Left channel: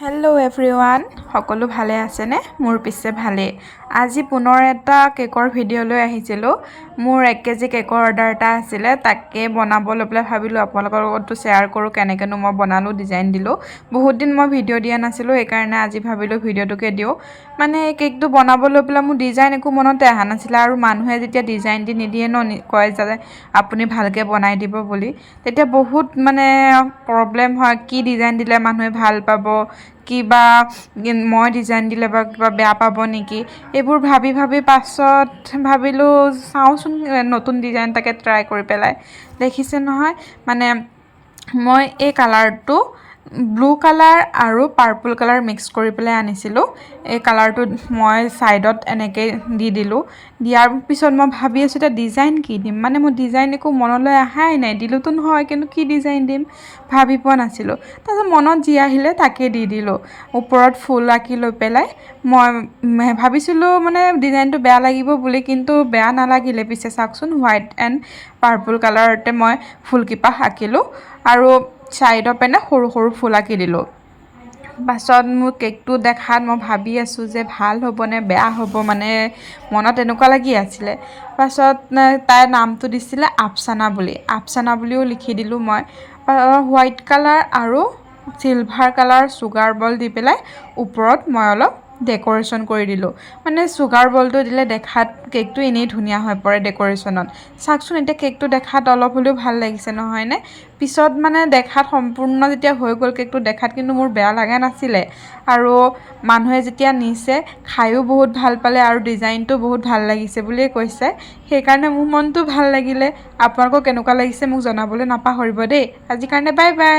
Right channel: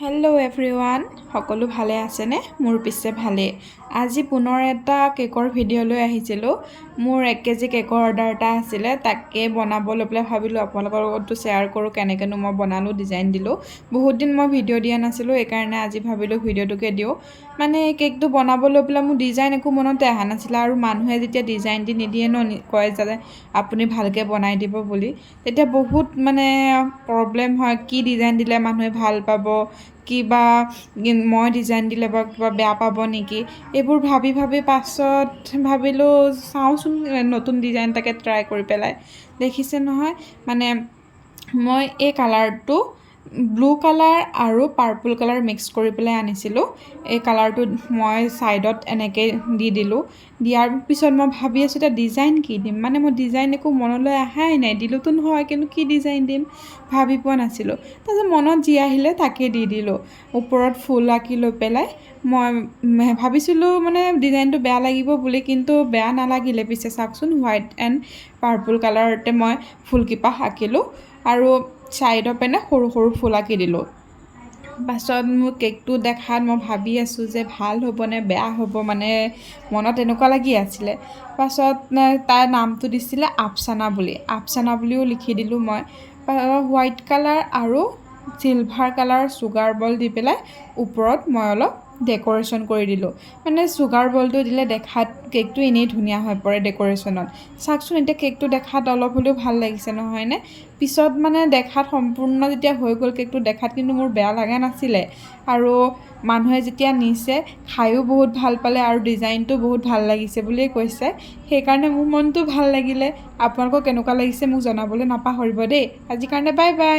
Hello' everyone, সকলো ভালে আছেনে? মোৰ পিছে ভালেই। আজি পুনৰ এটা কেকৰ ভিডিঅ' লৈ আহিছিলোঁ। মোৰ 1 কেজি কেকৰ অৰ্ডাৰ এটা আছিলে, তাকে বনাব লৈ পেলাই ভাবিলোঁ আপোনালোকৰ লগতো শ্বেয়াৰ কৰোঁ কেনেকৈনো মই বনালোঁ, ডিজাইন দিলোঁ। বহুত দিন মই ভিডিঅ' দিয়া নাছিলোঁ, সেইকাৰণে আজি ভাবিলোঁ ভিডিঅ'টোকে দিওঁ। মানে কেকটো বনাব লৈ পেলাই মোৰ ডিজাইন একো মনতে অহা নাছিলে, আৰু মানুহে যেতিয়া ডিজাইন দি নিদিয়ে ন, কয় যে আপুনি ভালকৈ বনাই দিব বুলি, তেতিয়া বহুত প্ৰব্লেম হয়। কি ডিজাইন দিলে মানুহে ভাল পাব, কিবা মই ডিজাইন দিলে বা কিবা বেয়া পাব নেকি, এইবোৰ ভাবি পাছত ভাবিলোঁ চাওঁচোন নতুন ডিজাইন এটাকে ট্ৰাই কৰি পেলাই। দেখিছে নহয়, মই এই কালাৰটো ব্লু কালাৰ আৰু পাৰ্পল কালাৰ মিক্স কৰি পেলাই আনিছিলোঁ। এই কালাৰটো মই ছাইডত এনেকৈ দি দিলোঁ। দিয়াৰ পিছত মই ভাবি আছোঁ এতিয়া ডিজাইন কি দিম, মোৰ ডিজাইন একো মনলৈ অহাই নাই। দিলোঁতো নহয়, কিন্তু কি ডিজাইন দিম ভাবি পোৱা নাছিলোঁ। তাৰপিছত মনত যি আহিলে তাকে দি দিলোঁ। ওপৰত ফুল আঁকি লৈ পেলাই মই ভাবিছিলোঁ ডিজাইনটো বেয়া লাগিব বুলি, কিন্তু বেয়া নালাগিলে। পিছে চাওকচোন, হোৱাইট এণ্ড পাৰ্পল কালাৰতে মই ফুলকেইপাহ আঁকিলোঁ আৰু ছাইডৰ পেনে সৰু সৰু ফুল আঁকি দিলোঁ। পাছত মোৰ কেকটো দেখাত মই ভাবি আছোঁ যে ভাল হ'বনে বেয়া হ'ব, মনত এনেকুৱা লাগি আছিলে। পাছত তাইৰ নামটো দিছিলে আফচানা বুলি, আফচানা বুলিও লিখি দিলোঁ মই। হোৱাইট কালাৰ আৰু চিলভাৰ কালাৰ চুগাৰ বল দি পেলাই ওপৰত মই অলপ ডেক'ৰেশ্যন কৰি দিলোঁ। চুগাৰ বলটো দিলে দেখাত কেকটো এনেই ধুনীয়া হৈ পৰে ডেক'ৰেশ্যনত। চাওকচোন, এতিয়া কেকটো দেখাত অলপ হ'লেও ভাল লাগিছে নহয়নে? পিছত দেখাত সম্পূৰ্ণ যেতিয়া হৈ গ'ল কেকটো, দেখাত কিন্তু মোৰ বেয়া লগা নাছিলে। আৰু মানুহে যেতিয়া নিছে খায়ো বহুত ভাল পালে, আৰু ডিজাইনটো বহুত ভাল লাগিছে বুলিয়ে কৈছে। সেইকাৰণে মোৰ মনটো ভাল লাগিলে। আপোনালোকৰ কেনেকুৱা লাগিছে মোক জনাবলৈ নাপাহৰিব দেই। আজিৰ কাৰণে বাই বাই।